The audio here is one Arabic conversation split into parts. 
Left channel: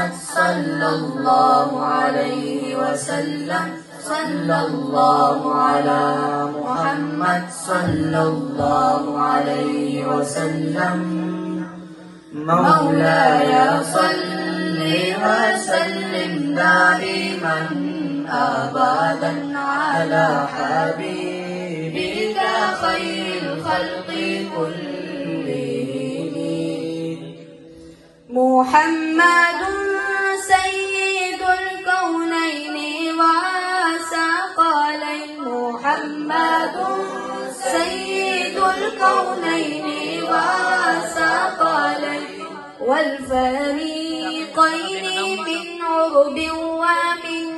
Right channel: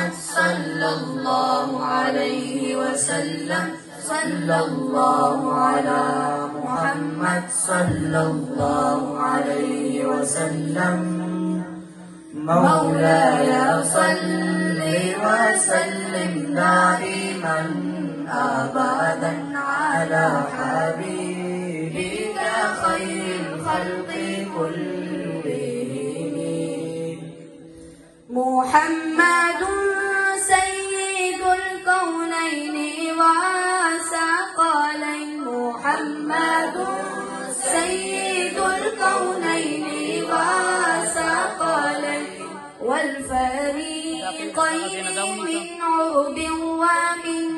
محمد صلى الله عليه وسلم صلى الله على محمد صلى الله عليه وسلم مولاي صل وسلم دائما أبدا على حبيبك خير الخلق كلهم محمد سيد الكونين وثقلين محمد سيد الكونين وثقلين والفريقين من عرب ومن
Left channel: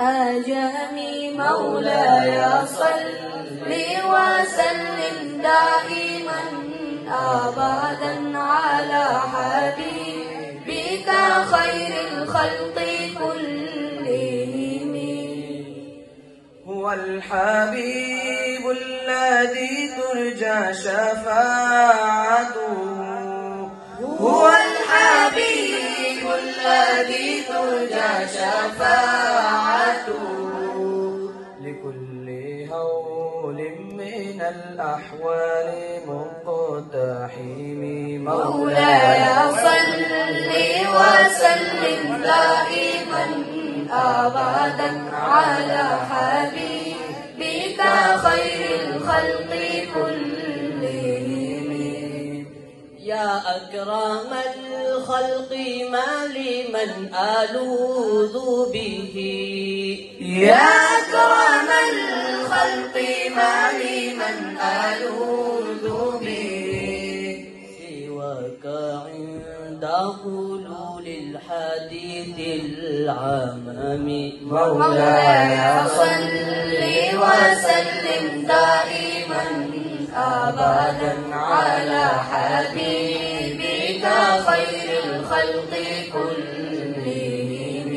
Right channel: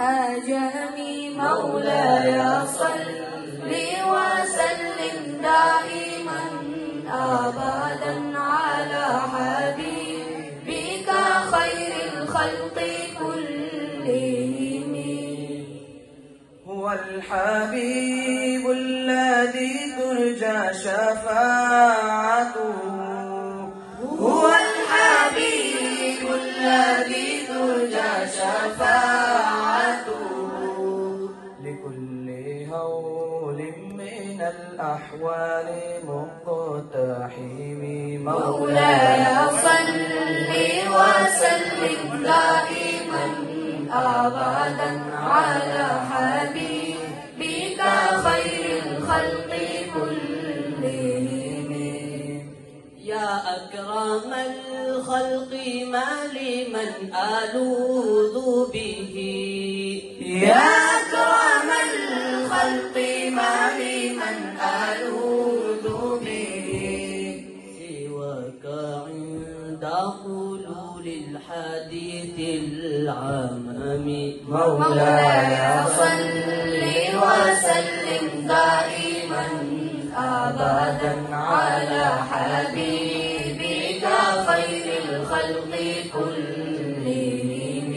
أجم مولاي صل وسلم دائما أبدا على حبيبك خير الخلق كلهم هو الحبيب الذي ترجى شفاعته هو الحبيب الذي ترجى شفاعته لكل هول من الأحوال مقتحم مولاي صل وسلم دائما أبدا على حبيبك خير الخلق كلهم يا أكرم الخلق ما لمن ألوذ به يا أكرم الخلق ما لمن ألوذ به سواك عند حلول الحديث العمم مولاي صل وسلم دائما أبدا على حبيبك خير الخلق كلهم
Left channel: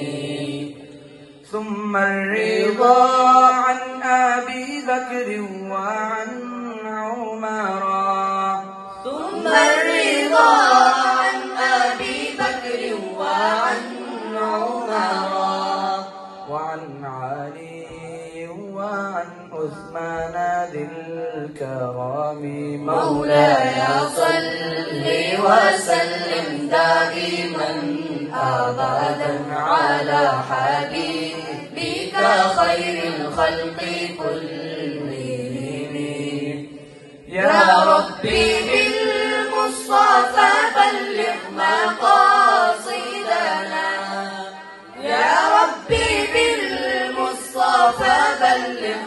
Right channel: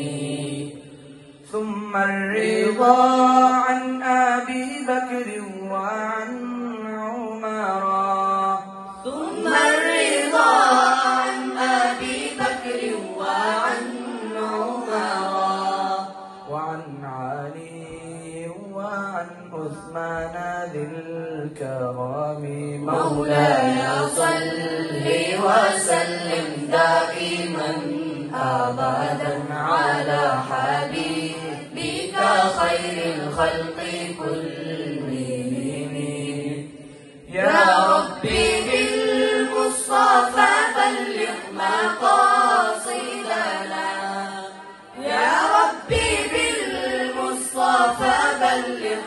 ثم الرضا عن أبي بكر وعن عمر ثم الرضا عن أبي بكر وعن عمر وعن علي وعن عثمان ذي الكرام مولاي صل وسلم دائما أبدا على حبيبك خير الخلق كلهم يا ربي بالمصطفى بلغ مقاصدنا يا ربي بالمصطفى بلغ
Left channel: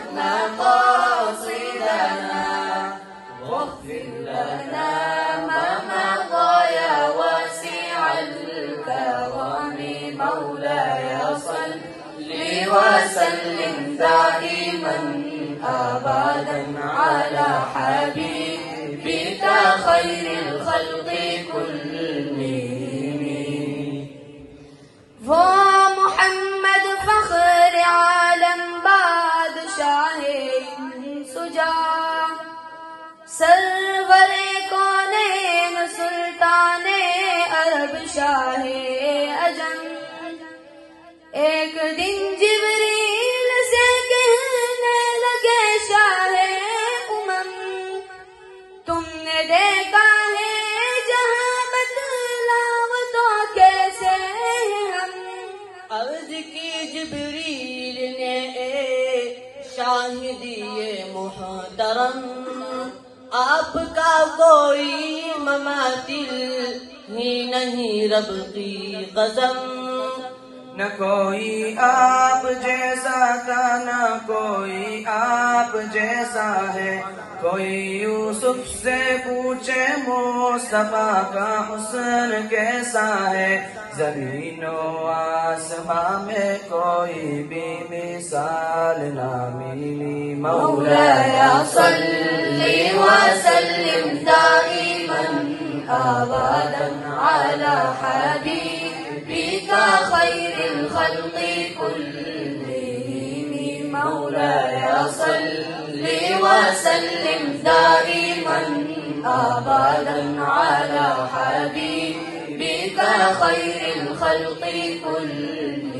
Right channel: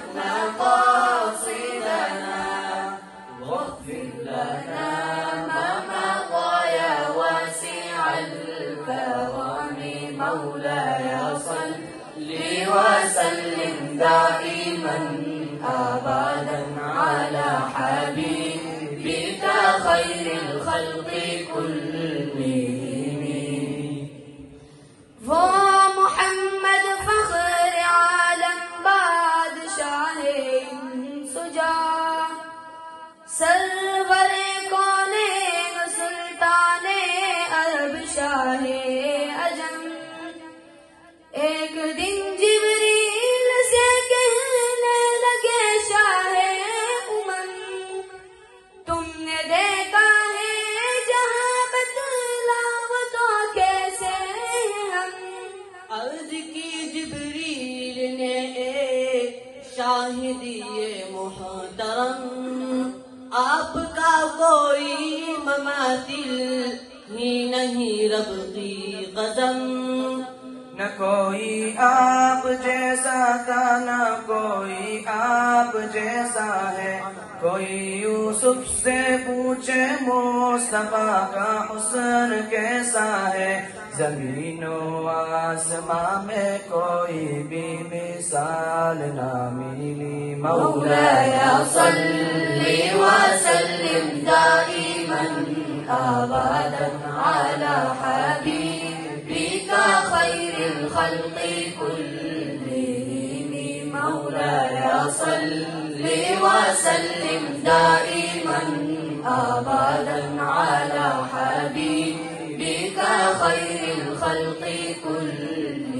مقاصدنا واغفر لنا ما مضى يا واسع الكرم مولاي صل وسلم دائما أبدا على حبيبك خير الخلق كلهم ومحمد فخر عالم بادشاہ سجا سرور کونین سلطان عرب شاہ اجم ایک دن جبریل سے کہنے لگے شاہ امم تم نے دیکھا ہے جہاں بتلاؤ تو کیسے ہم عرض کی جبریل نے اے شاہدی محترم آپ کا کوئی مماثل ہی نہیں رب کی قسم نہ کوئی آپ جیسا تھا نہ کوئی آپ جیسا ہے کوئی یوسف سے پوچھے مصطفیٰ کا حسن کیسا ہے زمین و آسمان میں کوئی بھی مثال نہ ملی مولاي صل وسلم دائما أبدا على حبيبك خير الخلق كلهم مولاي صل وسلم دائما أبدا على حبيبك خير الخلق الخلق كلهم